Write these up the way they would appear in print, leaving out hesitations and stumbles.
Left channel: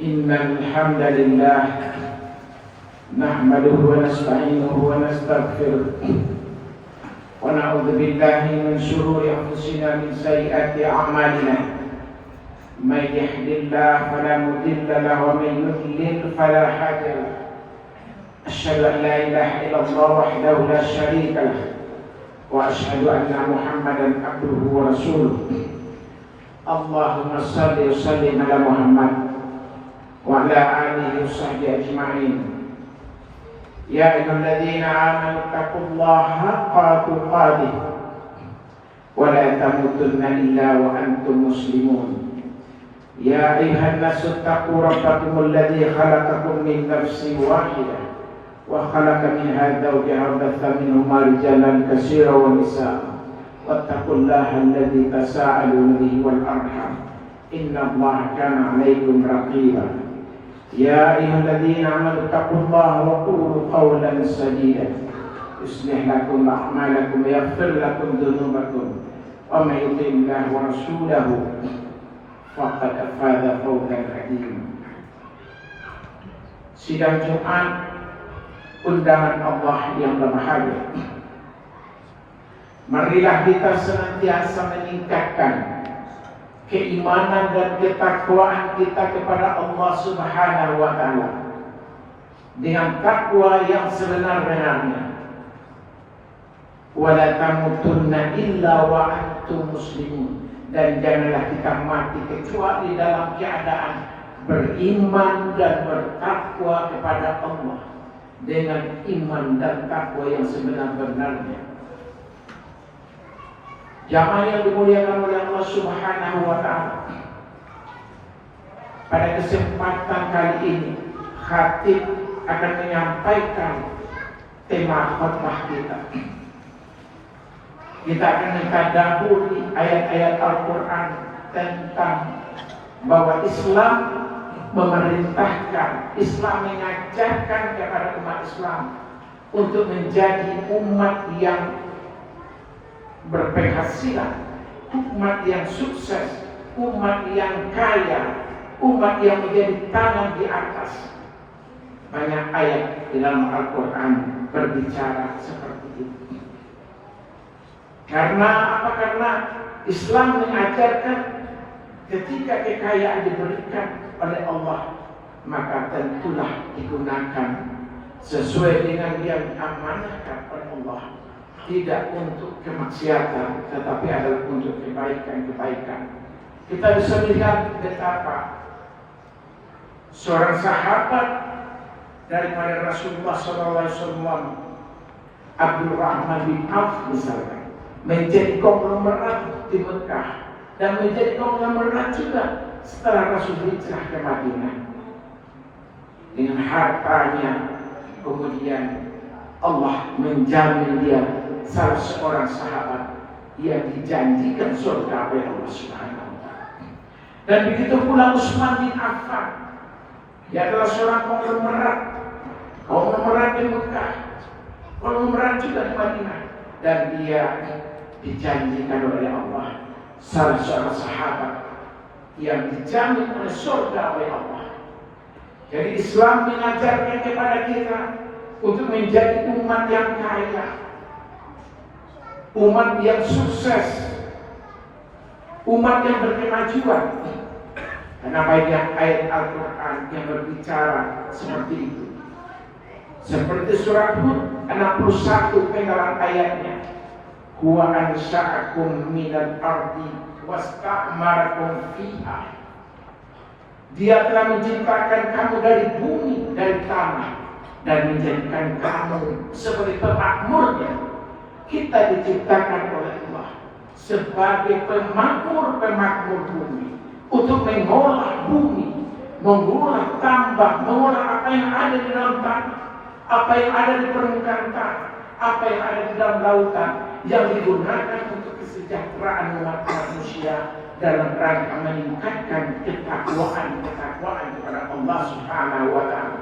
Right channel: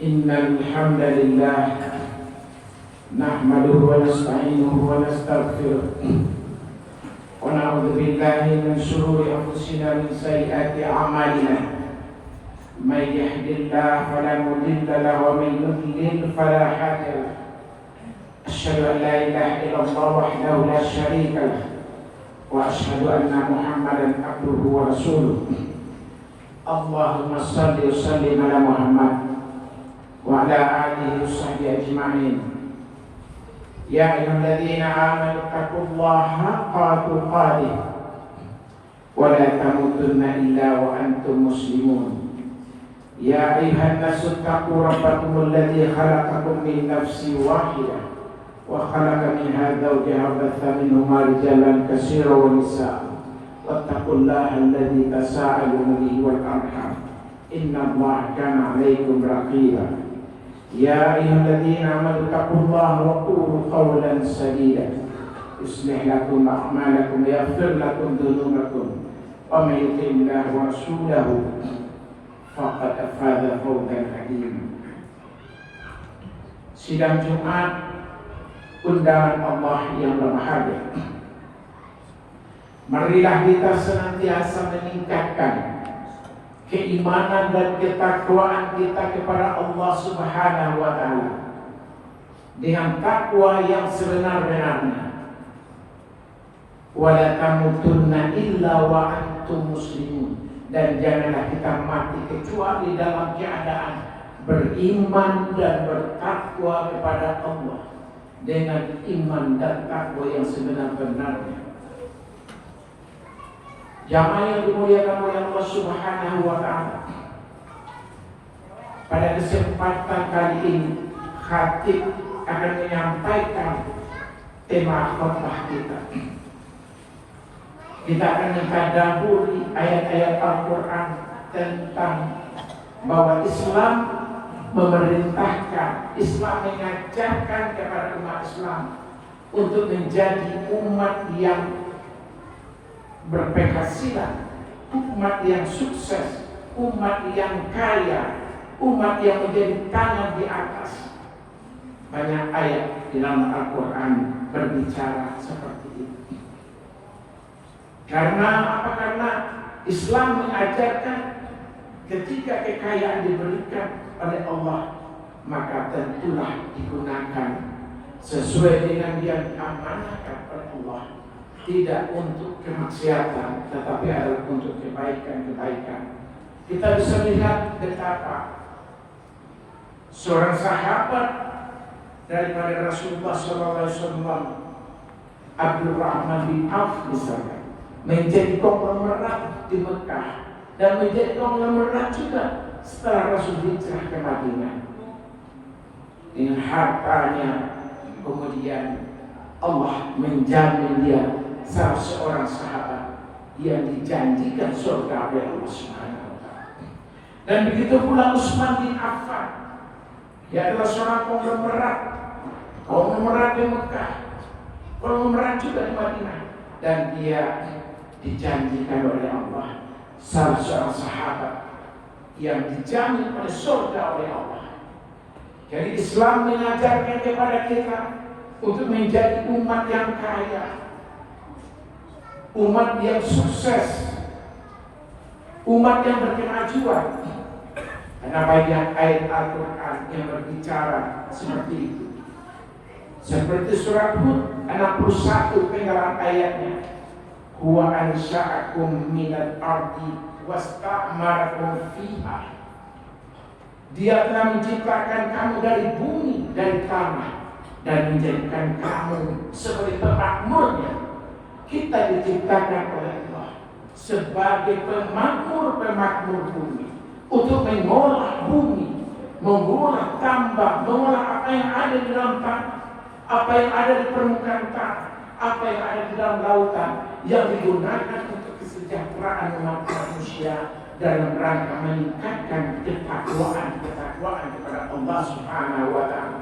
إن الحمد لله نحمده ونستعينه ونستغفره ونعوذ بالله من شرور أنفسنا من سيئات أعمالنا من يهد الله فلا مضل له ومن يضلل فلا هادي له أشهد أن لا إله إلا الله وحده لا شريك له وأشهد أن محمدا عبده ورسوله اللهم صل وسلم على محمد وعلى آله وصحبه أجمعين يا أيها الذين آمنوا اتقوا الله حق تقاته ولا تموتن إلا وأنتم مسلمون يا أيها الناس اتقوا ربكم الذي خلقكم من نفس واحدة وخلق منها زوجها وبث منهما رجالا كثيرا ونساء واتقوا الله الذي تساءلون به والأرحام إن الله كان عليكم رقيبا يا أيها الذين آمنوا اتقوا الله وقولوا قولا سديدا يصلح لكم أعمالكم ويغفر لكم ذنوبكم ومن يطع الله ورسوله فقد فاز فوزا عظيما. Sidang Jumat undangan Allah yang berbahagia. Marilah kita senantiasa meningkatkan keimanan dan ketakwaan kita kepada Allah Subhanahu wa Ta'ala dengan takwa yang sebenar-benarnya. Wala tamutunna illa wa antum muslimun, dan janganlah kita mati kecuali dalam keadaan beriman dan bertakwa kepada Allah dengan iman dan takwa yang sebenar-benarnya. Jamaah yang dimuliakan oleh Allah Subhanahu wa Ta'ala, pada kesempatan kali ini khatib akan menyampaikan tema khutbah kita. Kita akan mentadabburi ayat-ayat Al-Quran tentang bahwa Islam memerintahkan, Islam mengajarkan kepada umat Islam untuk menjadi umat yang berpenghasilan, umat yang sukses, umat yang kaya, umat yang menjadi tangan di atas. Banyak ayat di dalam Al-Quran berbicara seperti itu. Karena apa? Karena Islam mengajarkan ketika kekayaan diberikan oleh Allah, maka tentulah digunakan sesuai dengan yang diamanahkan oleh Allah. Tidak untuk kemaksiatan, tetapi adalah untuk kebaikan-kebaikan. Kita bisa lihat betapa seorang sahabat daripada Rasulullah SAW, Abdurrahman bin Auf misalnya, menjadi konglomerat di Mekah dan menjadi konglomerat juga setelah Rasul hijrah ke Madinah. Dengan hartanya kemudian Allah menjamin dia salah seorang sahabat yang dijanjikan surga oleh Allah Subhanahu wa Ta'ala. Dan begitu pula Utsman bin Affan, dia adalah seorang konglomerat di Mekah, konglomerat juga di Madinah, dan dia dijanjikan oleh Allah salah seorang sahabat yang dijamin oleh surga oleh Allah. Jadi Islam mengajarkan kepada kita untuk menjadi umat yang kaya, umat yang sukses, umat yang berkemajuan. Karena banyak ayat Al-Quran yang berbicara seperti itu. Seperti surat Hud 61 penggalan ayatnya, huwa ansha'akum minal ardi wasta'marakum fiha. Dia telah menciptakan kamu dari bumi, dari tanah, dan menjadikan kamu sebagai pemakmurnya. Kita diciptakan oleh Allah sebagai pemakmur bumi, untuk mengolah bumi, mengolah tambang, mengolah apa yang ada di dalam tanah, apa yang ada di permukaan tanah, apa yang ada di dalam lautan, yang digunakan untuk kesejahteraan umat manusia dalam rangka meningkatkan ketakwaan kepada Allah Subhanahu wa Ta'ala.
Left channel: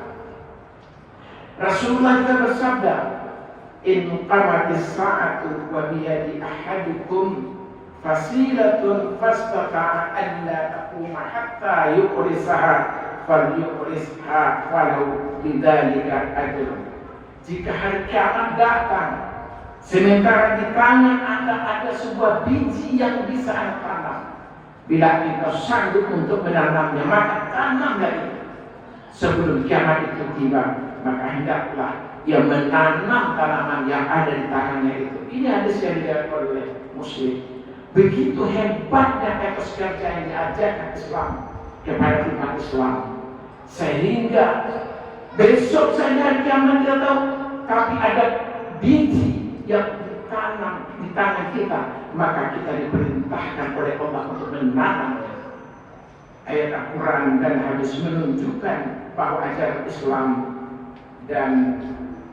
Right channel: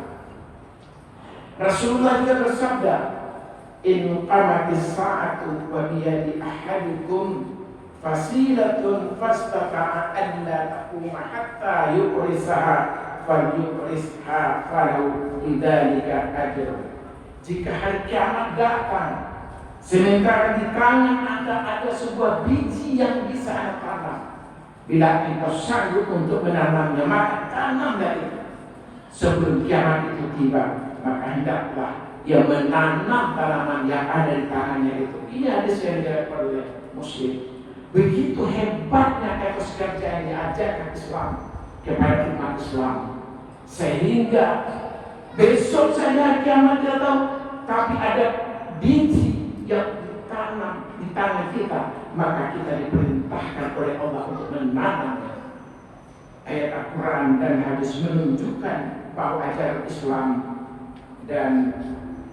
Rasulullah juga bersabda, in qamatis sa'atu wa biyadi ahadikum fasilatun fastata'a an la taquma hatta yuqrisaha falyuqrisha falau bidzalika ajrun. Jika hari kiamat datang, sementara di tangan ada sebuah biji yang bisa Anda tanam, bila kita sanggup untuk menanamnya, maka tanamlah itu. Sebelum kiamat itu tiba, maka hendaklah ia menanam tanaman yang ada di tangannya itu. Ini hadis yang diajarkan oleh Muslim. Begitu hebatnya etos kerja yang diajarkan Islam kepada umat Islam, sehingga besok saja kiamat tidak tahu, tapi ada biji yang ditanam di tangan kita, maka kita diperintahkan oleh Allah untuk menanamnya. Ayat Al-Quran dan hadis menunjukkan bahwa ajaran Islam dan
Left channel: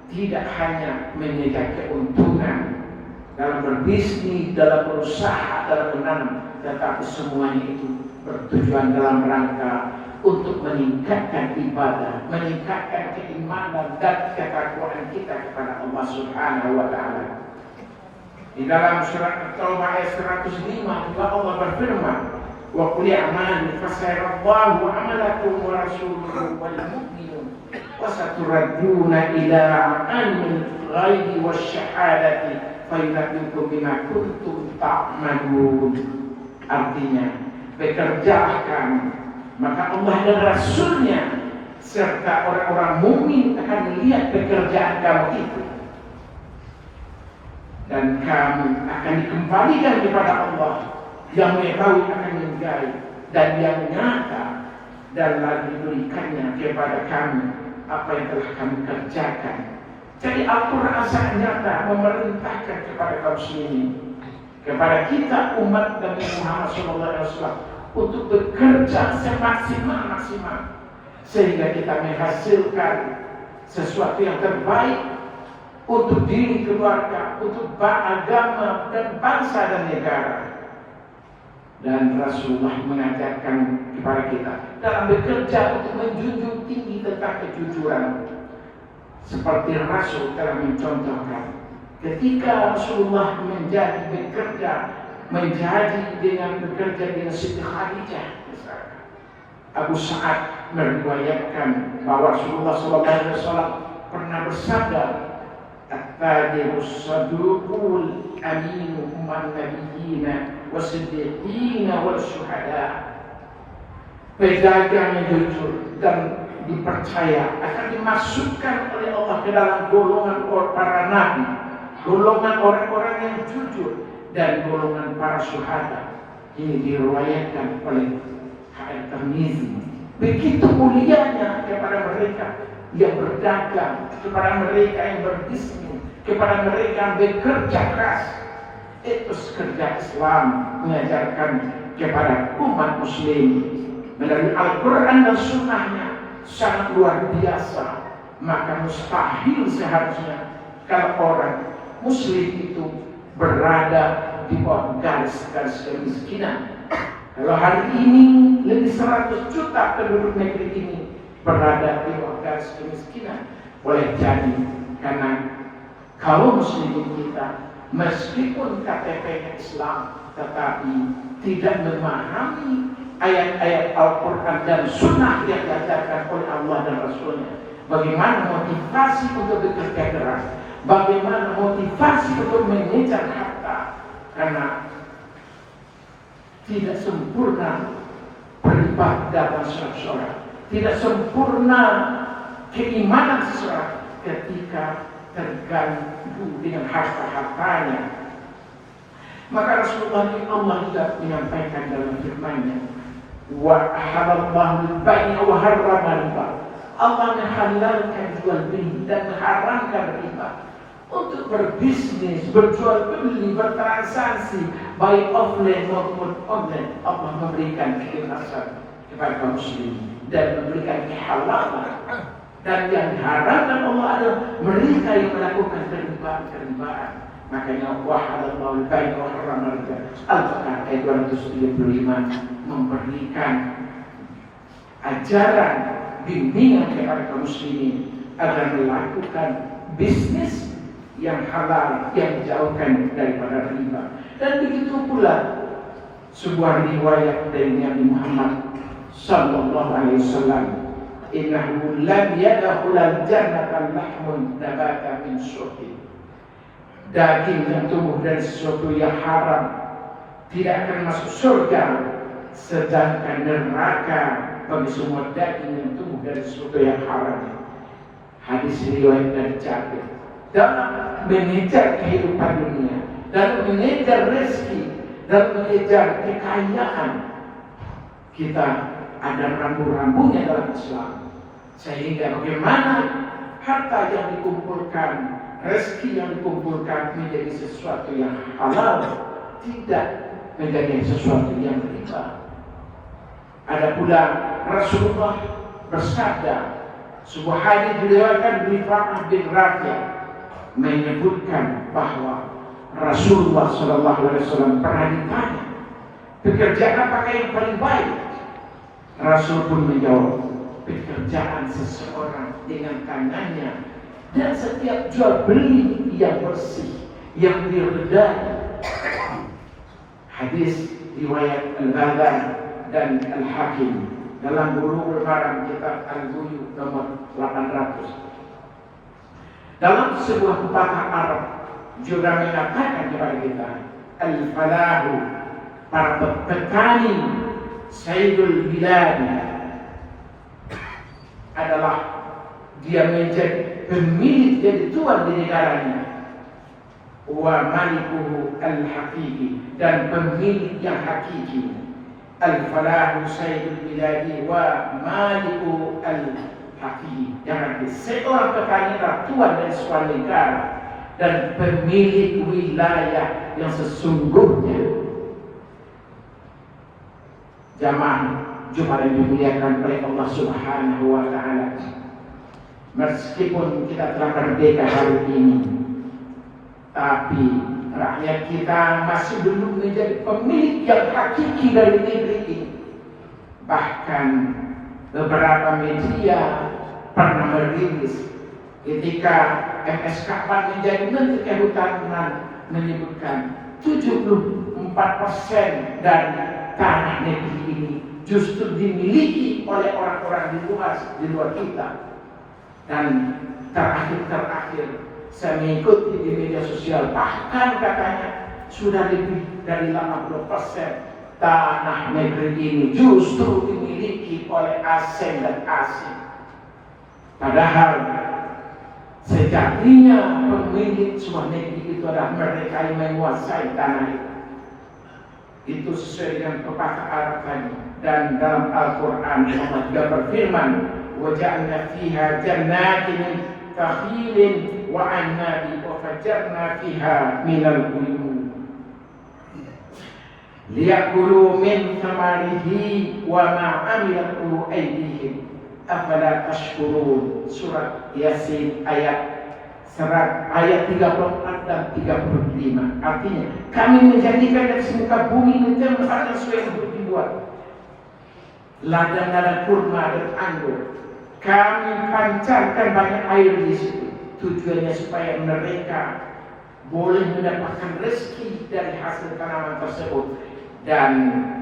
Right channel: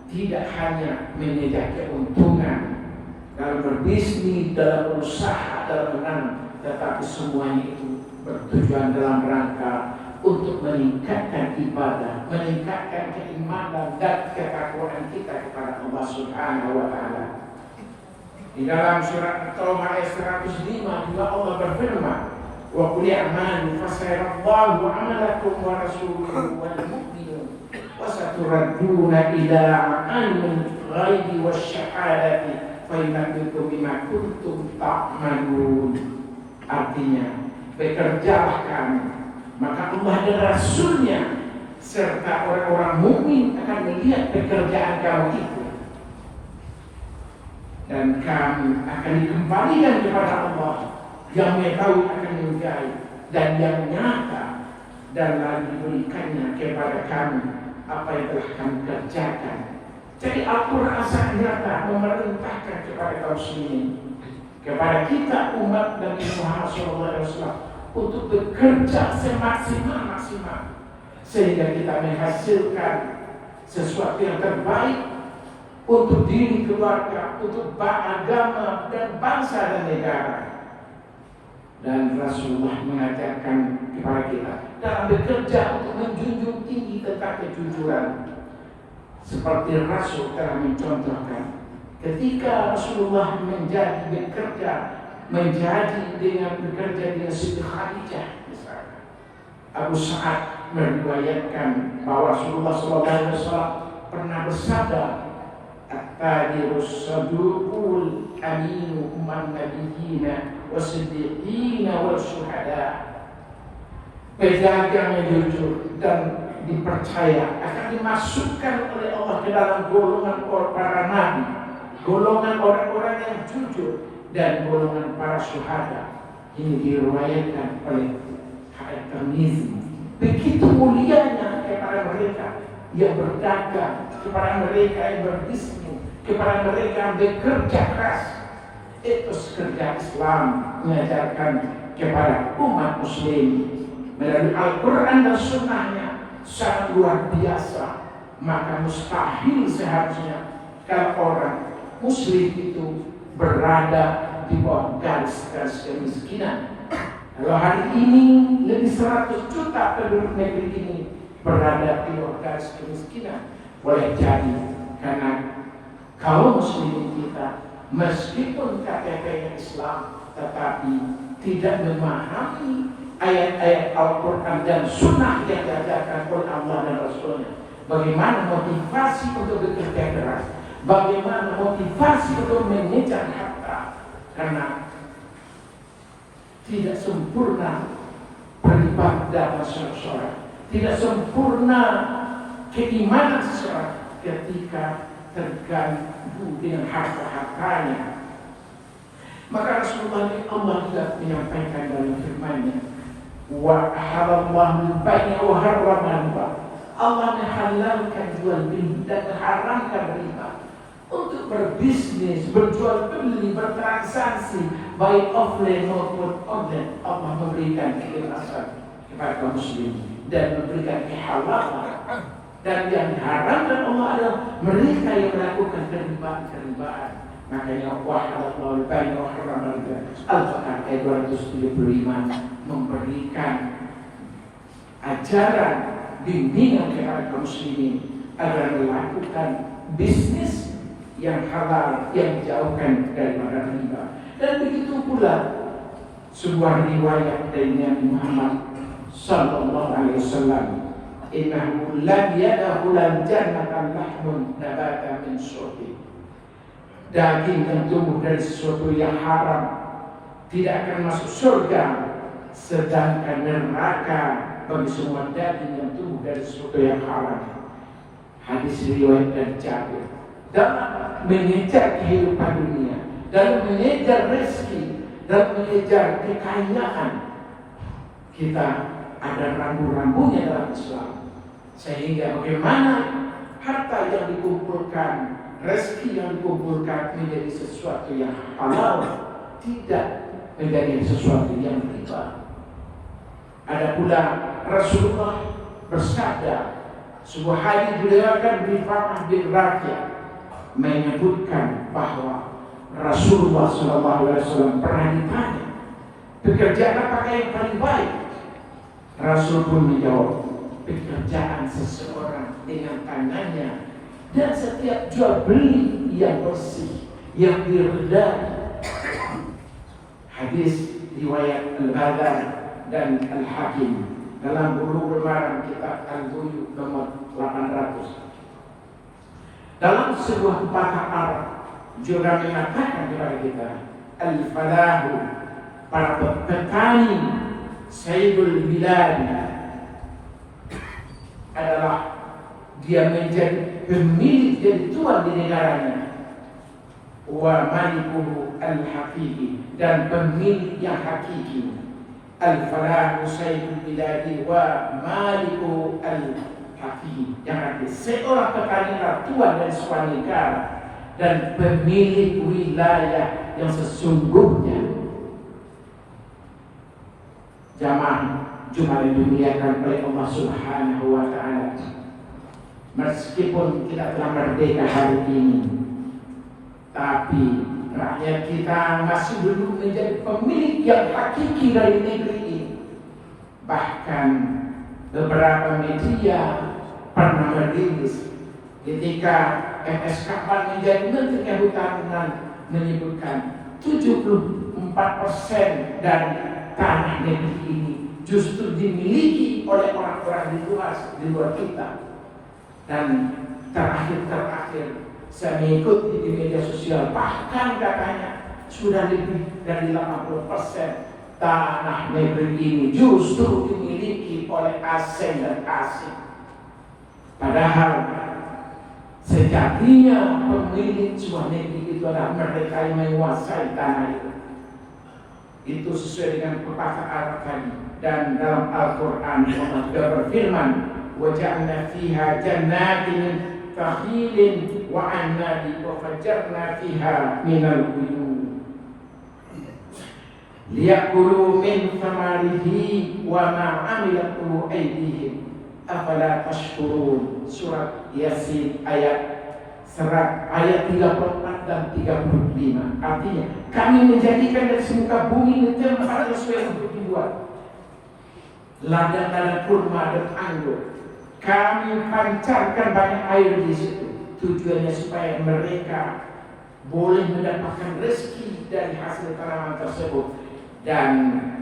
tidak hanya mengejar keuntungan dalam berbisnis, dalam berusaha, dalam menanam, tetapi semuanya itu bertujuan dalam rangka untuk meningkatkan ibadah, meningkatkan keimanan dan ketakwaan kita kepada Allah Subhanahu wa Ta'ala. Di dalam surat At-Taubah ayat 105 juga Allah berfirman, wa qul i'malu fasayarallahu 'amalakum wa rasuluhu wal mu'minun wa saturadduna ila 'alimil ghaibi wasyahadati fayunabbiukum bima kuntum ta'malun. Artinya, bekerjalah kamu, maka Allah dan Rasulnya serta orang-orang mukmin akan melihat pekerjaan kamu itu, dan kamu akan dikembalikan kepada Allah yang mengetahui akan mengetahui dan yang nyata, dan lalu diberikannya kepada kamu apa yang telah kamu kerjakan. Jadi Al-Quran sangat nyata memerintahkan kepada kaum muslimin, kepada kita umat Nabi Muhammad SAW untuk bekerja semaksimal-maksimal sehingga kita menghasilkan sesuatu yang terbaik untuk diri keluarga, untuk agama dan bangsa dan negara. Dan Rasulullah mengajarkan kepada kita dalam bekerja untuk menjunjung tinggi tentang kejujuran. Seperti Rasul telah mencontohkan ketika Rasulullah menjadi bekerja dengan Siti Khadijah misalkan. Abu Sa'ad meriwayatkan bahwa Rasulullah SAW pernah bersabda, at-tajirus saduqul aminu man nabiyyina wasiddiqina wal syuhada. Pedagang yang jujur dan dipercaya akan dimasukkan oleh Allah ke dalam golongan para nabi, golongan orang-orang yang jujur, dan golongan para syuhada. Ini diriwayatkan oleh At-Tirmidzi. Begitu mulianya kepada mereka yang berdagang, kepada mereka yang berbisnis, kepada mereka yang bekerja keras. Etos kerja Islam mengajarkan kepada umat muslim melalui Al-Quran dan Sunnahnya sangat luar biasa. Maka mustahil seharusnya kalau orang muslim itu berada di bawah garis kemiskinan. Kalau hari ini lebih 100 juta penduduk negeri ini berada di bawah garis kemiskinan, boleh jadi karena kalau muslimin kita meskipun KTP-nya Islam tetapi tidak memahami ayat-ayat Al-Quran dan Sunnah yang diajarkan oleh Allah dan Rasulnya. Bagaimana motivasi untuk bekerja keras, bagaimana motivasi untuk mengejar harta, karena tidak sempurna beribadah seseorang, tidak sempurna keimanan seseorang ketika terganggu dengan harta-hartanya. Maka Rasulullah Allah juga menyampaikan dalam firman-Nya, wa halallahu al-bai'a wa harrama riba. Allah menghalalkan jual beli dan mengharamkan riba. Untuk berbisnis, berjual beli, bertransaksi baik offline maupun online, Allah memberikan keikhlasan kepada kaum muslimin dan memberikan kehalalan. Dan yang diharamkan Allah adalah mereka yang melakukan keribaan. Makanya wahalallahu al-bai'a wa harrama riba. Al-Fatihah ayat 235 memberikan ajaran bimbingan kepada kaum muslimin agar melakukan bisnis yang halal, yang dijauhkan daripada riba. Dan begitu pula sebuah riwayat dari Nabi Muhammad sallallahu alaihi wasallam, innahu lam yadkhulul jannata lahmun nabata min syuhri. Daging yang tumbuh dari sesuatu yang haram tidak akan masuk surga, sedangkan neraka bagi semua daging yang tumbuh dari sesuatu yang haram. Hadis riwayat dari Jabir. Dalam mengejar kehidupan dunia, dalam mengejar rezeki, dalam mengejar kekayaan, kita ada rambu-rambunya dalam Islam. Sehingga bagaimana harta yang dikumpulkan, rezeki yang dikumpulkan menjadi sesuatu yang halal, tidak menjadi sesuatu yang riba. Ada pula Rasulullah bersabda, sebuah hadis diriwayatkan Rifa'ah bin Rafi' menyebutkan bahwa Rasulullah SAW pernah ditanya, pekerjaan apakah yang paling baik? Rasul pun menjawab, pekerjaan seseorang dengan tangannya dan setiap jual beli yang bersih, yang diredai. Hadis riwayat Al-Badan dan Al-Hakim dalam Bulughul Maram kitab Al-Buyu nomor 800. Dalam sebuah pepatah Arab juga mengatakan kepada kita, al-falahu, para petani, sayyidul bilad, adalah dia menjadi pemilik, jadi tuan di negaranya, wa malikuhu al-haqiqi, dan pemilik yang hakiki. Al-falahu sayyidul biladi wa maliku al-haqiqi, yang artinya seorang petani adalah tuan dari sebuah negara dan pemilik wilayah yang sesungguhnya. Jamaah Jumat yang dimuliakan oleh Allah Subhanahu wa Ta'ala, meskipun kita telah merdeka hari ini, tapi rakyat kita masih belum menjadi pemilik yang hakiki dari negeri ini. Bahkan beberapa media pernah merilis ketika MS Kahwan menjadi Menteri Kehutanan menyebutkan 74% dari tanah negeri ini justru dimiliki oleh orang-orang di luar kita. Dan terakhir saya mengikuti di media sosial, bahkan katanya sudah lebih dari 80% tanah negeri ini justru dimiliki oleh asing dan asing. Padahal sejatinya pemilik sebuah negeri itu adalah mereka yang menguasai tanah itu. Itu sesuai dengan pepatah Arab tadi. Dan dalam Al-Quran Allah juga berfirman, وَجَعْنَا فِيهَا جَنَّاتٍ كَخِيلٍ وَعَنَّابٍ وَفَجَّرْنَا فِيهَا مِنَ الْعُيُونِ لِيَأْكُلُوا مِنْ ثَمَرِهِ وَمَا عَمِلَتْهُ أَيْدِيهِمْ أَفَلَا تَشْكُرُونَ. Surat Yasin ayat 34 dan 35. Artinya, kami menjadikan dari semuka bumi ini tempat yang sesuai untuk dibuat ladang-ladang kurma dan anggur. Kami pancarkan banyak air di situ. Tujuannya supaya mereka boleh mendapatkan rezeki dari hasil tanaman tersebut. Dan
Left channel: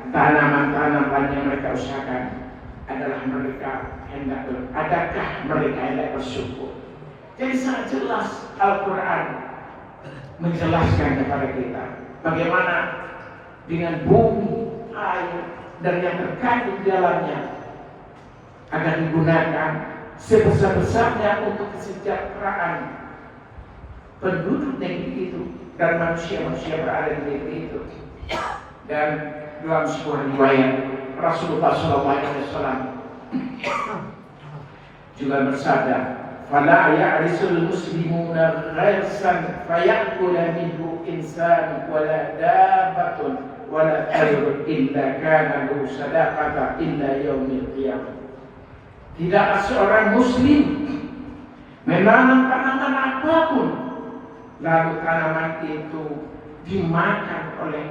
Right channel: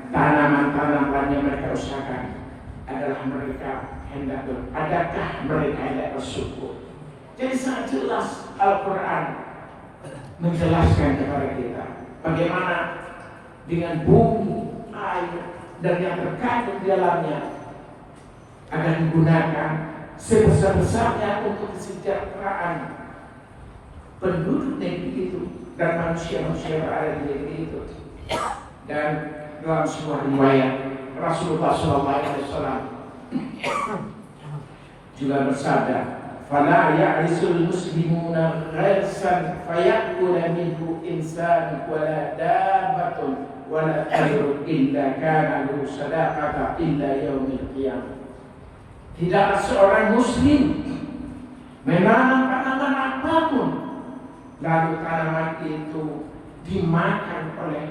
tanaman-tanaman yang mereka usahakan adalah mereka hendak adakah mereka hendak bersyukur. Jadi sangat jelas Al-Quran menjelaskan kepada kita bagaimana dengan bumi, air, dan yang terkandung di dalamnya akan digunakan sebesar-besarnya untuk kesejahteraan penduduk negeri itu dan manusia-manusia berada di negeri itu. Dan dalam sebuah riwayat Rasulullah SAW juga bersabda, فَلَا يَعْرِسُ الْمُسْلِمُونَ غَرْسًا فَيَأْكُلَ مِنْهُ إِنسَانٌ وَلَا دَابَّةٌ وَلَا طَيْرٌ إِلَّا كَانَ لَهُ صَدَقَةً إِلَّا يَوْمِ الْقِيَامَةِ. Tidaklah seorang muslim menanam tanaman apapun lalu tanaman itu dimakan oleh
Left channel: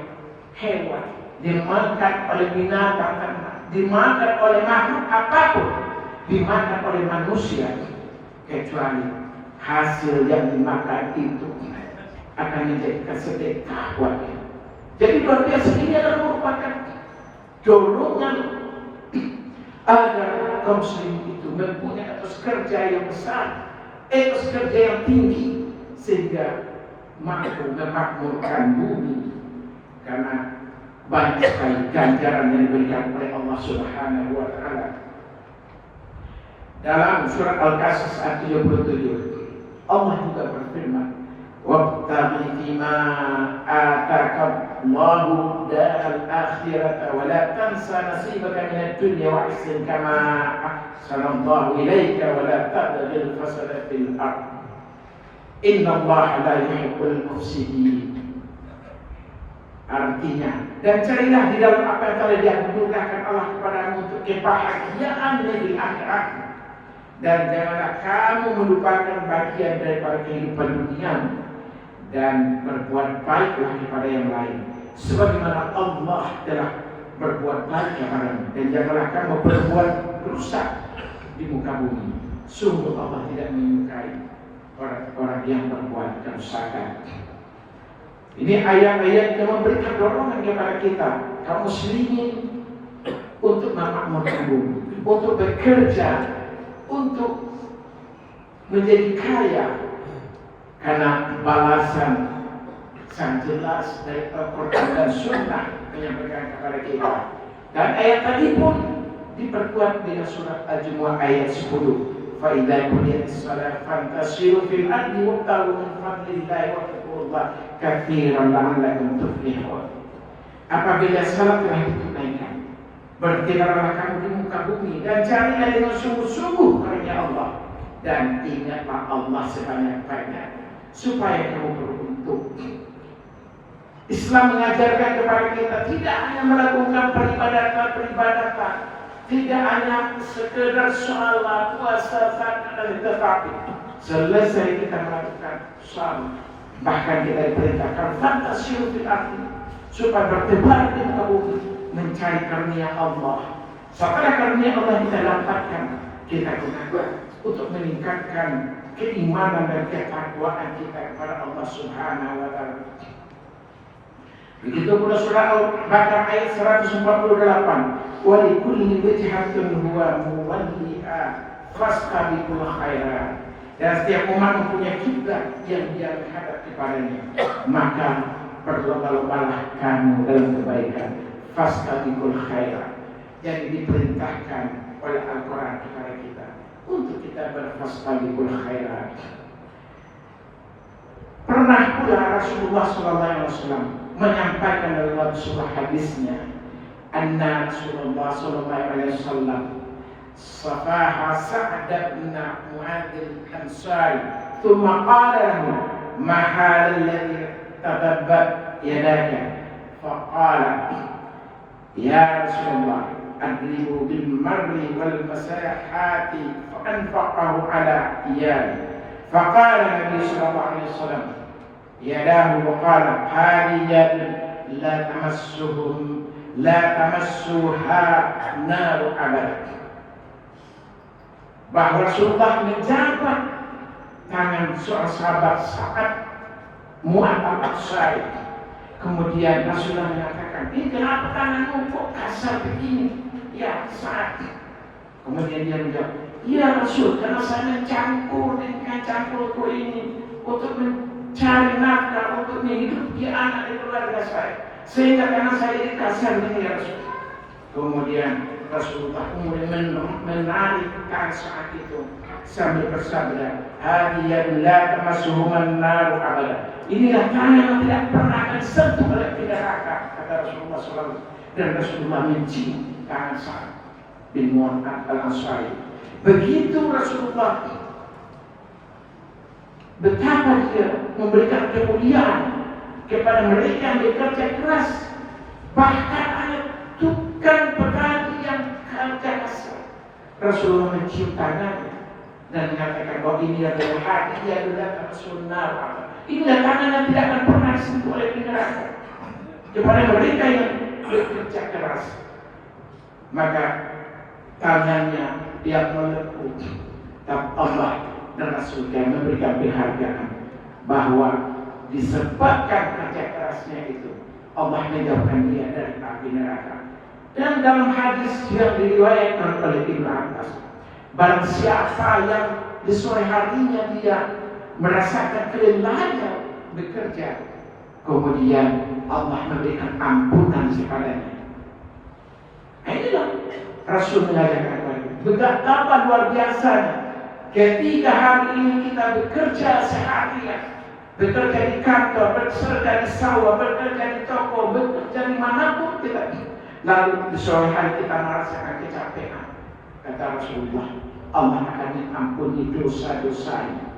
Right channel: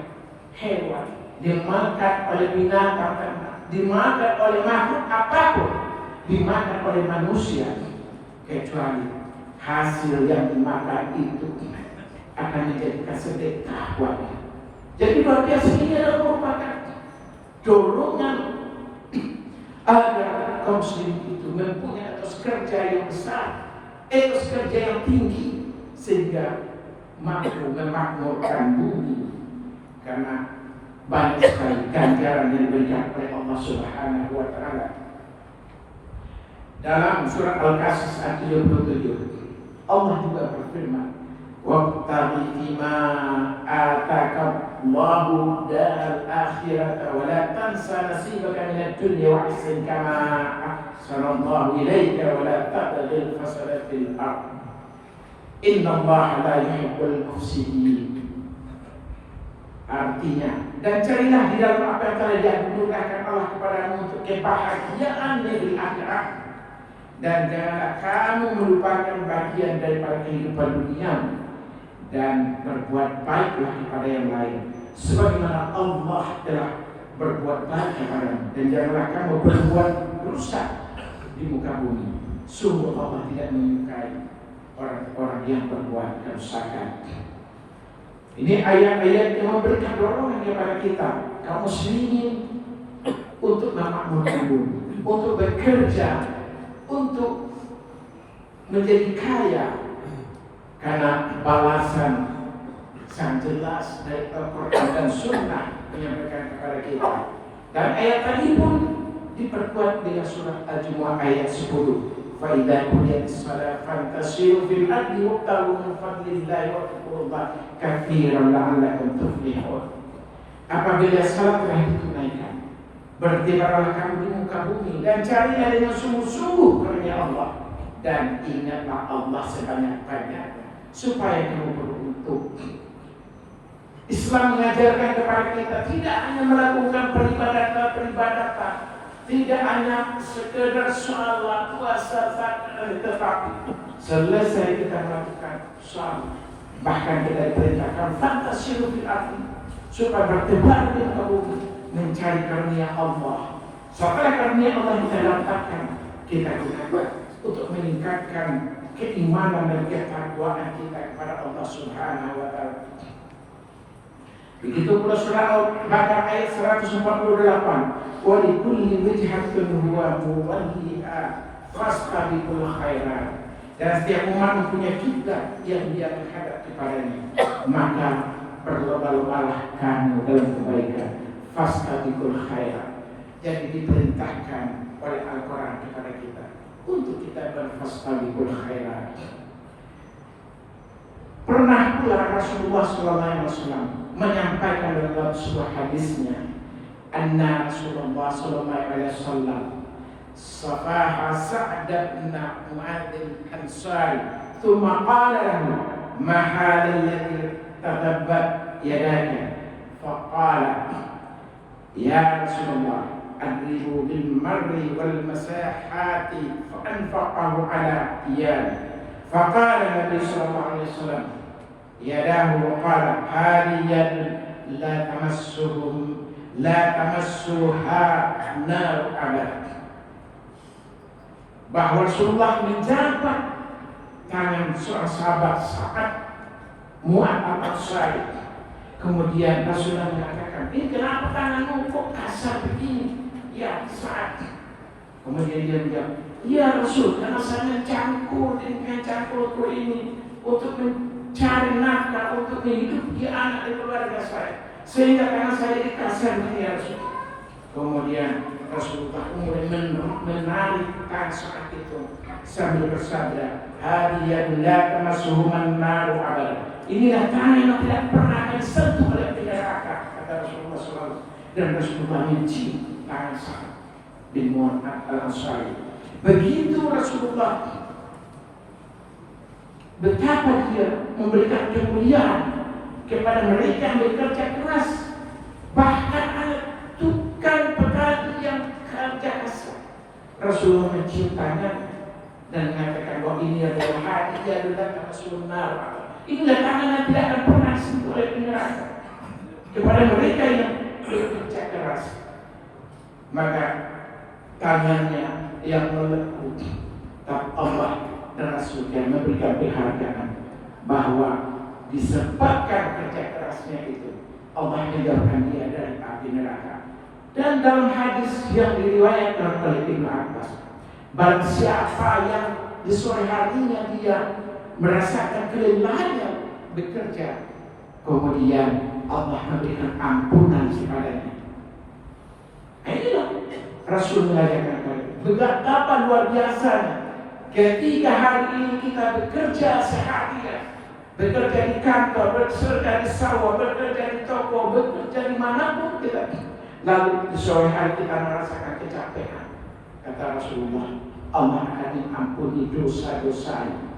hewan, dimakan oleh binatang, dimakan oleh makhluk apapun, dimakan oleh manusia, kecuali hasil yang dimakan itu akan menjadi sedekah wajib. Jadi luar biasa, ini adalah merupakan dorongan agar kaum muslim itu mempunyai etos kerja yang besar, etos kerja yang tinggi, sehingga mampu memakmurkan bumi, karena banyak sekali ganjaran yang diberikan oleh Allah Subhanahu wa Ta'ala. Dalam surat Al-Qasas ayat 37, Allah juga berfirman, "Wabtaghi fima ataka Allahu daral akhirata wa la tansa nasibaka minad dunya wa ahsin kama ahsana Allahu ilaika wa la tabghil fasada fil ardh. Inna Allaha la yuhibbul mufsidin." Artinya, dan carilah di dalam apa yang telah dianugerahkan Allah kepadamu untuk kebahagiaan di akhirat, dan janganlah kamu melupakan bagian daripada kehidupan dunia, dan berbuat baiklah kepada yang lain sebagaimana Allah telah berbuat baik kepadamu, dan janganlah kamu berbuat rusak di muka bumi. Sungguh Allah tidak menyukai orang-orang yang berbuat kerusakan. Ini ayat-ayat yang memberikan dorongan kepada kita, kaum muslimin, untuk memakmurkan bumi, untuk bekerja, untuk menjadi kaya, karena balasan sangat jelas dari Al-Quran dan Sunnah menyampaikan kepada kita. Dan ayat tadi pun diperkuat dengan surat Al-Jumu'ah ayat 10. فَإِذَا قُضِيَتِ الصَّلَاةُ فَانْتَشِرُوا فِي الْأَرْضِ وَابْتَغُوا مِنْ فَضْلِ اللَّهِ وَاذْكُرُوا اللَّهَ كَثِيرًا لَعَلَّكُمْ تُفْلِحُونَ. Apabila salat telah ditunaikan, bertiarlah kamu di muka bumi dan carilah dengan sungguh-sungguh karunia Allah, dan ingatlah Allah sebanyak-banyaknya supaya kamu beruntung. Islam mengajarkan kepada kita tidak hanya melakukan peribadatan, tidak hanya sekedar sholat, puasa, zakat, tetapi selesai kita melakukan sholat, bahkan kita diperintahkan fantasiru fil ardi, supaya bertebar di muka bumi mencari karunia Allah. Setelah karunia Allah kita dapatkan, kita gunakan untuk meningkatkan keimanan dan ketakwaan kita kepada Allah Subhanahu wa Ta'ala. Begitu pula surah Al-Baqarah ayat 148, "Wa likulli wijhatun huwa muwalliha fastabiqul khairat." Dan setiap umat mempunyai kiblat yang dia menghadap kepadanya, maka berlomba-lombalah kamu dalam kebaikan. Fastabiqul khairat. Jadi diperintahkan oleh Al-Quran kepada kita untuk kita berfastabiqul khairat. Pernah pula Rasulullah SAW menyampaikan dalam sebuah hadisnya, anna Rasulullah SAW safaha Sa'd bin Mu'adz al-Ansari, thumma qala lahu ma hal alladhi tadabbat yadaka, faqala ya Rasulullah adribu bil marri wal masahati fa anfaqahu ala iyali. Faqala Nabi sallallahu alaihi wasallam yadahu wa qala hadiyat la tamassuha naru abad. Bahwa Rasulullah menjabat tangan seorang sahabat Sa'ad Mu'adz al-Ansari. Kemudian Rasulullah mengatakan, "Ini kenapa tanganmu kok kasar begini, ya Sa'ad?" Kemudian dia menjawab, "Ya Rasul, karena saya mencangkul dengan cangkulku ini untuk mencari nafkah, untuk menghidupi anak di keluarga saya, sehingga karena saya dikasih begini ya Rasul." Kemudian Rasulullah kemudian menarik tangan saat itu sambil bersabda, "Hadiyat la tamassuhuman naru abada." Inilah tangan yang tidak pernah akan sentuh oleh neraka, kata Rasulullah SAW. Dan Rasulullah mencium tangan Sa'ad bin Mu'adz al-Ansari. Begitu Rasulullah, betapa dia memberikan kemuliaan kepada mereka yang bekerja keras, bahkan ada tukang petani yang kerja keras. Rasulullah mencium tangan dan mengatakan bahwa ini adalah hadiah adalah sunnah. Inilah tangan yang tidak akan pernah sentuh oleh neraka kepada mereka yang bekerja keras. Maka tangannya yang melekuk, tapi Allah dan Rasulnya memberikan penghargaan bahwa disebabkan kerja kerasnya itu, Allah menjauhkan dia dari api neraka. Dan dalam hadis yang diriwayatkan oleh Ibnu Abbas, barang siapa yang di sore harinya dia merasakan kelelahannya bekerja, kemudian Allah memberikan ampunan kepadanya. Inilah Rasul mengajarkan kepada betapa luar biasanya ketika hari ini kita bekerja seharian, bekerja di kantor, bekerja di sawah, bekerja di toko, bekerja dimanapun kita, lalu di sore hari kita merasakan kecapean. Kata Rasulullah, Allah akan mengampuni dosa-dosanya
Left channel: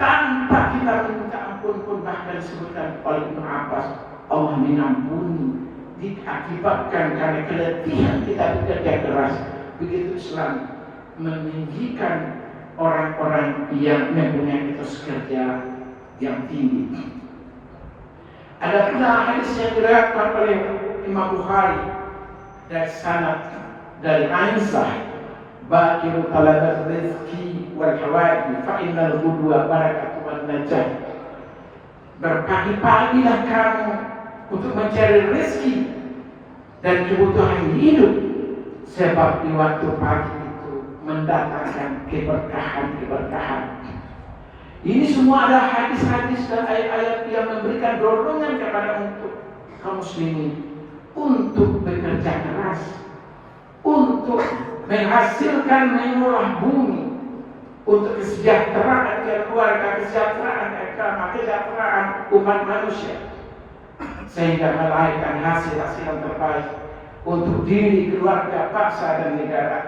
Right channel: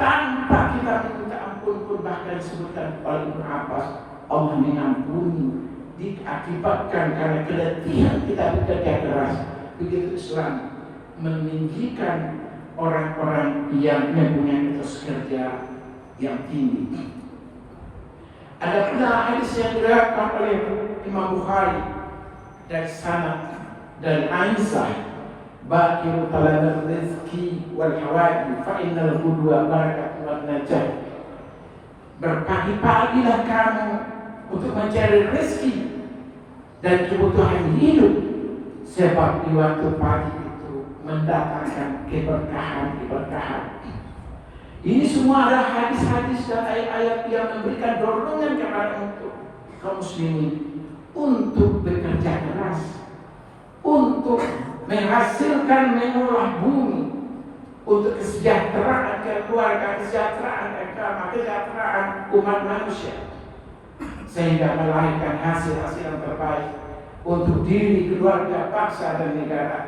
tanpa kita minta ampun pun. Bahkan disebutkan oleh Ibnu Abbas, Allah mengampuni diakibatkan karena keletihan kita bekerja keras. Begitu Islam meninggikan orang-orang yang mempunyai etos kerja yang tinggi. Ada pula hadis yang diriwayatkan oleh Imam Bukhari dari sanad dari Aisyah, bakiru talabat rizki wal hawaji fa innal qudwa barakatuh wan najah. Berpagi-pagilah kamu untuk mencari rezeki dan kebutuhan hidup, sebab di waktu pagi itu mendatangkan keberkahan. Ini semua adalah hadis-hadis dan ayat-ayat yang memberikan dorongan kepada untuk kaum muslimin untuk bekerja keras, untuk menghasilkan mengolah bumi, untuk kesejahteraan keluarga, kesejahteraan agama, kesejahteraan umat manusia, sehingga melahirkan hasil-hasil yang terbaik untuk diri, keluarga, bangsa dan negara.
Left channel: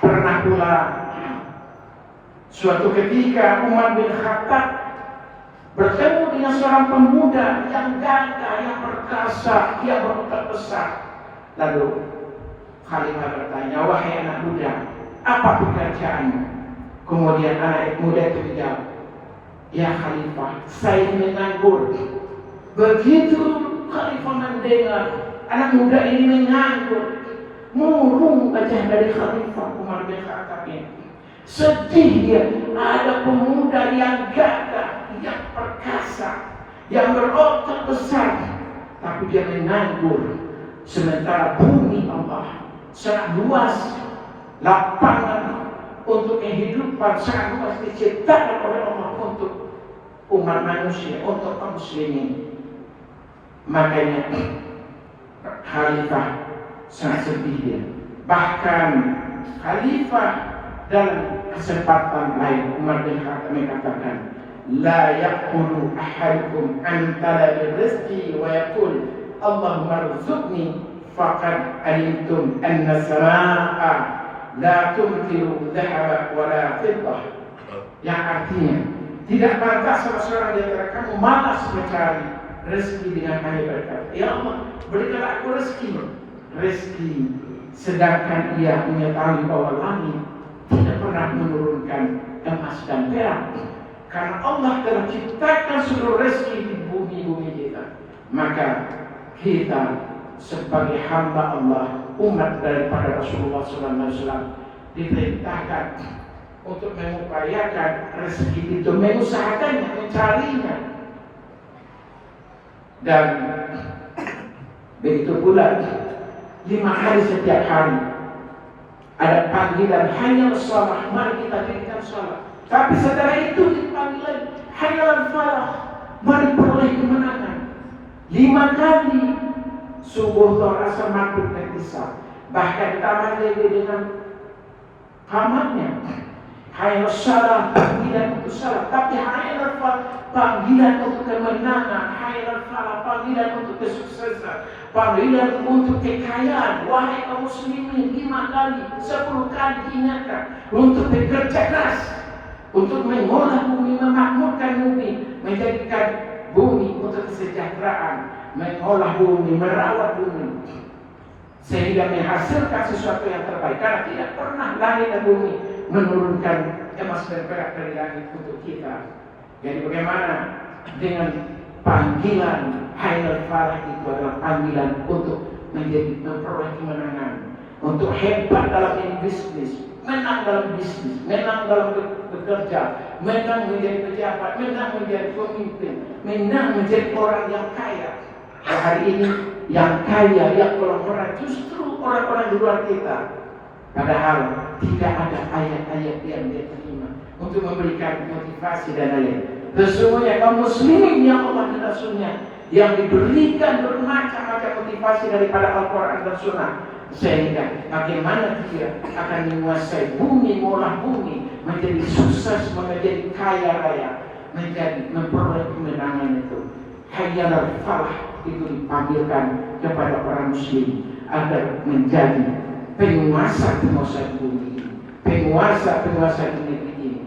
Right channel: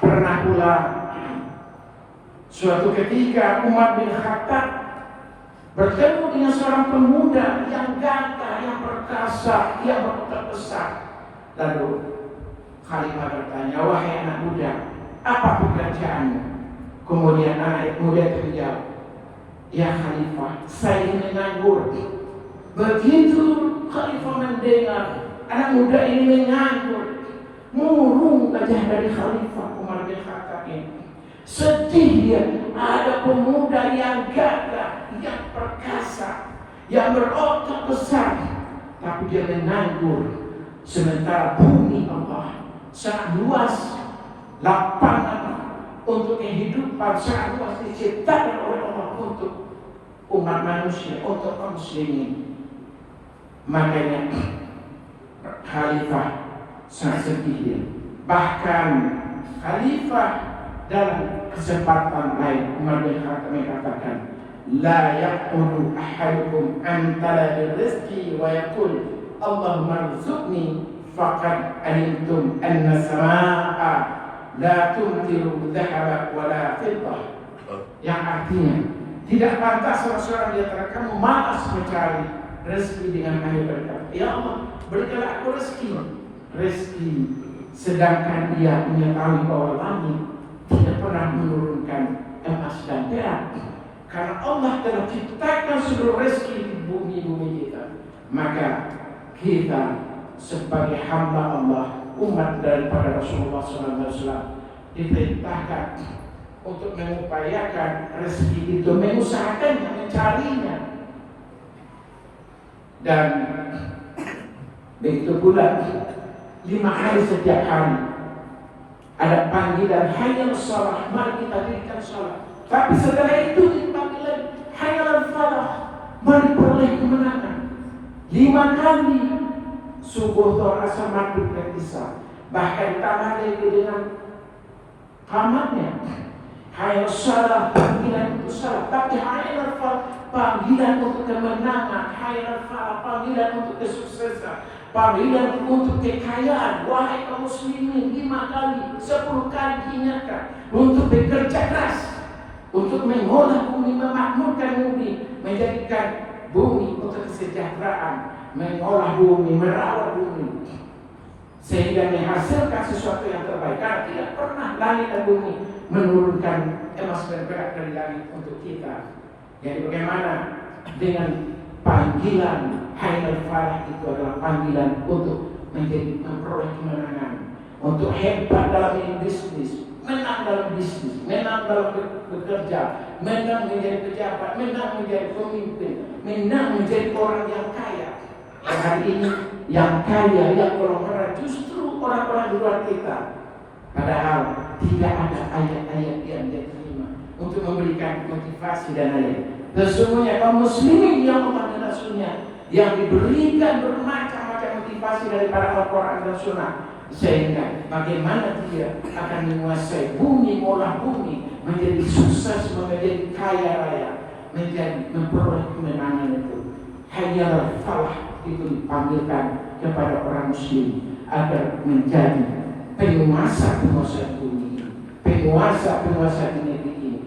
Pernah pula suatu ketika Umar bin Khattab bertemu dengan seorang pemuda yang gagah, yang perkasa, yang berotak besar. Lalu Khalifah bertanya, wahai anak muda, apa pekerjaanmu? Kemudian anak muda itu menjawab, ya Khalifah, saya menganggur. Begitu Khalifah mendengar anak muda ini menganggur, murung wajah dari Khalifah Umar bin Khattab ini. Sedih dia, ada pemuda yang gagah, yang perkasa, yang berotot besar, tapi dia menganggur. Sementara bumi Allah sangat luas, lapangan untuk kehidupan sangat luas diciptakan oleh Allah untuk umat manusia, untuk kaum muslimin. Makanya Khalifah sangat sedih dia. Bahkan Khalifah dalam kesempatan lain Umar bin Khattab mengatakan, la yaqulu ahadukum an talabil rizqi wa yaqul Allahumma rzuqni faqad alimtum anna samaa'a la tumtiru dhahaba wa la fiddah. Yang artinya tidak pantas seorang di antara kamu malas mencari rezeki dengan hanya berkata, ya Allah berikanlah aku rezeki, sedangkan ia mengetahui bahwa langit tidak pernah menurunkan emas dan perak, karena Allah telah ciptakan seluruh rezeki di bumi kita. Maka kita sebagai hamba Allah, umat daripada Rasulullah SAW, diperintahkan untuk mengupayakan rezeki itu, mengusahakannya, mencarinya. Dan begitu pula 5 kali setiap hari ada panggilan hayya shalah, mari kita dirikan salat. Tapi setelah itu panggilan hayya falah, mari peroleh kemenangan. 5 kali subuh, zuhur, asar, maghrib dan isya. Bahkan tambah lagi dengan qamatnya. Hayya shalah, panggilan untuk salat. Tapi hayya falah, panggilan untuk kemenangan. Hayya falah, panggilan untuk kesuksesan, panggilan untuk kekayaan. Wahai kaum muslimin, 5 kali, 10 kali diingatkan untuk bekerja keras, untuk mengolah bumi, memakmurkan bumi, menjadikan bumi untuk kesejahteraan, mengolah bumi, merawat bumi, sehingga menghasilkan sesuatu yang terbaik. Karena tidak pernah langit dan bumi menurunkan emas dan perak dari langit untuk kita. Jadi bagaimana dengan panggilan Hailal Falah itu adalah panggilan untuk memperoleh kemenangan, untuk hebat dalam bisnis, menang dalam bisnis, menang dalam bekerja, menang menjadi pejabat, menang menjadi pemimpin, menang menjadi orang yang kaya. Hari ini yang kaya, yang orang-orang justru orang-orang di luar kita. Padahal tidak ada ayat-ayat yang diterima untuk memberikan motivasi dan lain. Sesungguhnya kaum muslimin yang Allah dan Rasulnya yang diberikan bermacam-macam motivasi daripada Al-Quran dan Sunnah, sehingga bagaimana dia akan menguasai bumi, mengolah bumi, menjadi sukses, menjadi kaya raya, menjadi memperoleh kemenangan itu. Hayyal falah itu dipanggilkan kepada orang muslim agar menjadi penguasa bumi, penguasa di negeri ini.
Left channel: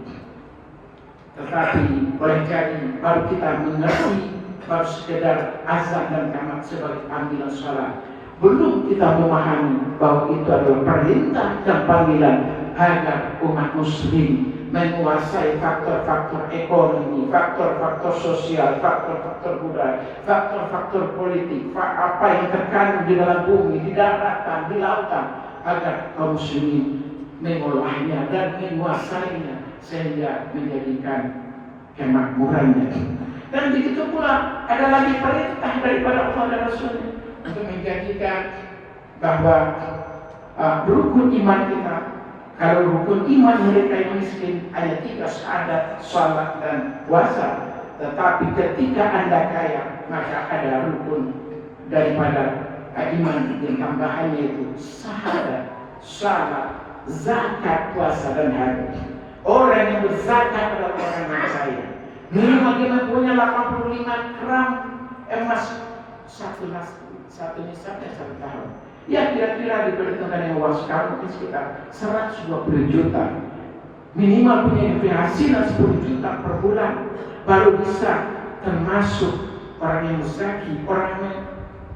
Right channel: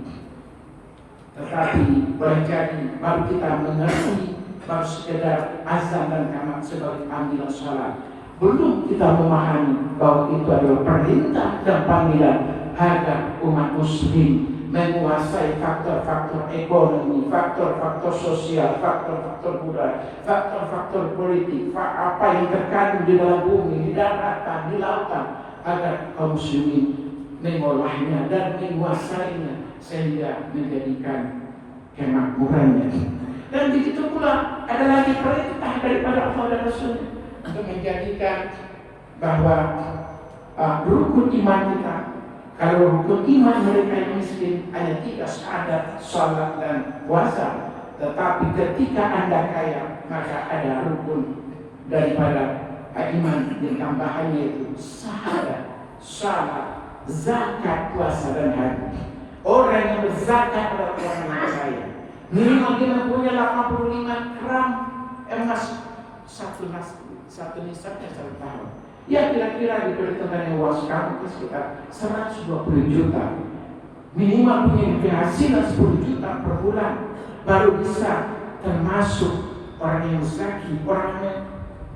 Tetapi boleh jadi baru kita mengerti, baru sekedar azan dan qamat sebagai panggilan sholat, belum kita memahami bahwa itu adalah perintah dan panggilan agar umat muslim menguasai faktor-faktor ekonomi, faktor-faktor sosial, faktor-faktor budaya, faktor-faktor politik, apa yang terkandung di dalam bumi, di daratan, di lautan, agar kaum muslimin mengolahnya dan menguasainya sehingga menjadikan kemakmurannya. Dan begitu pula ada lagi perintah daripada Allah dan Rasulnya untuk menjadikan bahwa rukun iman kita. Kalau rukun iman mereka yang miskin hanya 3 syahadat, salat dan puasa. Tetapi ketika Anda kaya, maka ada rukun daripada iman yang tambahannya itu syahadat, salat, zakat, puasa dan haji. Orang yang berzakat adalah orang yang kaya. Minimal dia mempunyai 85 gram emas satu nisabnya 1 tahun. Ya kira-kira diperhitungkan yang luas sekarang mungkin sekitar 120 juta. Minimal punya penghasilan 10 juta per bulan, baru bisa termasuk orang yang zaki, orang yang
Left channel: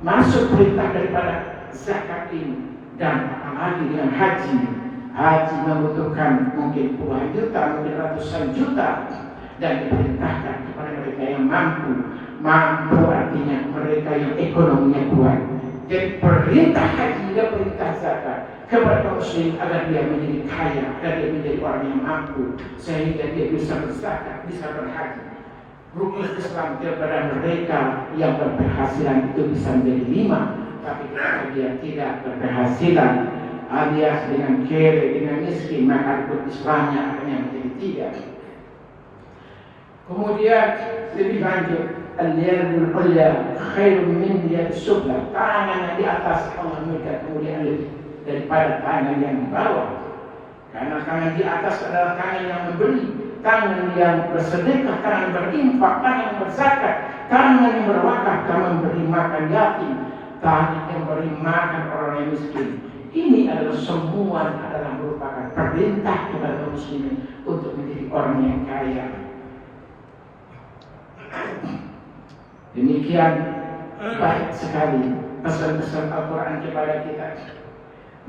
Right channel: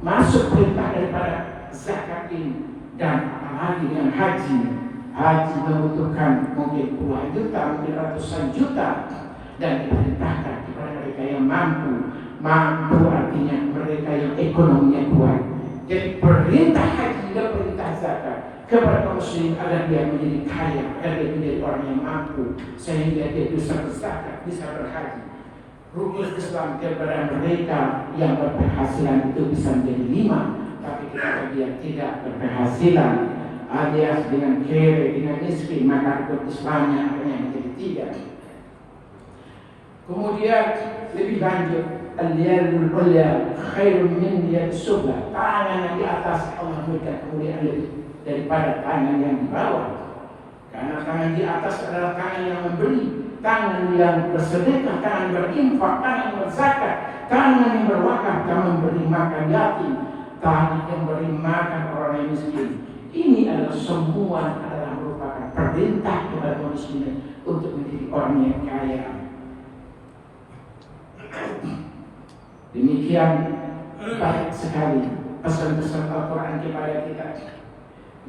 masuk perintah daripada zakat ini. Dan apalagi dengan haji membutuhkan mungkin puluhan juta, mungkin ratusan juta, dan diperintahkan kepada mereka yang mampu artinya mereka yang ekonominya kuat. Dan perintah haji dan perintah zakat kepada muslim agar dia menjadi kaya, agar dia menjadi orang yang mampu, sehingga dia bisa berzakat, bisa berhaji. Rukun Islam kepada mereka yang berpenghasilan itu bisa menjadi 5, tapi ketika dia tidak berpenghasilan alias dengan kere, dengan miskin, maka rukun Islamnya hanya menjadi 3. Kemudian lebih lanjut, al-yadul ulya khairun min yadis sufla. Tangan yang di atas Allah memberikan kemuliaan lebih daripada tangan yang di bawah. Karena tangan di atas adalah tangan yang memberi, tangan yang bersedekah, tangan berinfak, tangan yang berzakat, tangan yang berwakaf, tangan memberi makan yatim, tangan yang memberi makan orang yang miskin. Ini adalah semua merupakan perintah kepada muslimin untuk menjadi orang yang kaya. Demikian banyak sekali pesan-pesan Al-Quran kepada kita.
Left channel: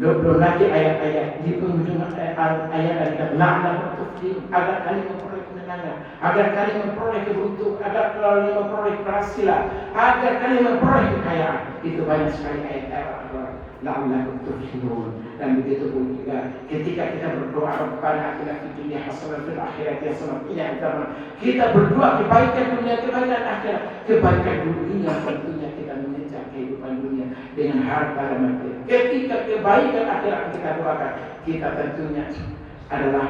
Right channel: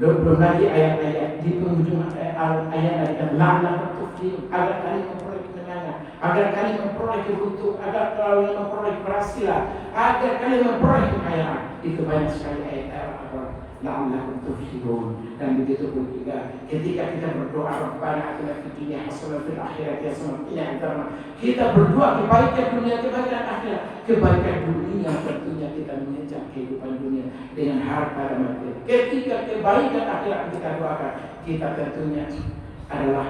Belum lagi ayat-ayat di penghujung ayat-ayat la'allakum tuflihun, agar kalian memperoleh kemenangan, agar kalian memperoleh keberuntungan, agar kalian memperoleh keberhasilan, agar kalian memperoleh kekayaan. Itu banyak sekali ayat-ayat Al-Quran. La'allakum tuflihun. Dan begitu pun juga ketika kita berdoa Rabbana atina fid dunya hasanah fil akhirati hasanah qina adzabannar. Kita berdoa kebaikan dunia, kebaikan akhirat. Kebaikan dunia tentunya kita mengejar kehidupan dunia dengan harta dan materi. Ketika kebaikan akhirat kita doakan, kita tentunya adalah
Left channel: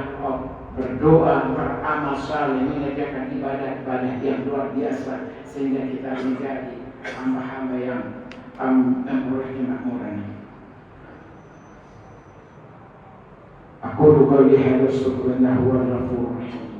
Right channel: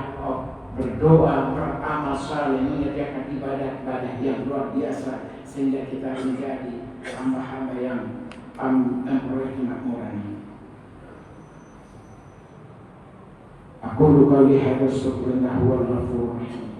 berdoa, beramal saleh, mengerjakan ibadah-ibadah yang luar biasa sehingga kita menjadi hamba-hamba yang memperoleh kemakmuran. Aku qawli hadza astaghfirullah huwal ghafurur rahim.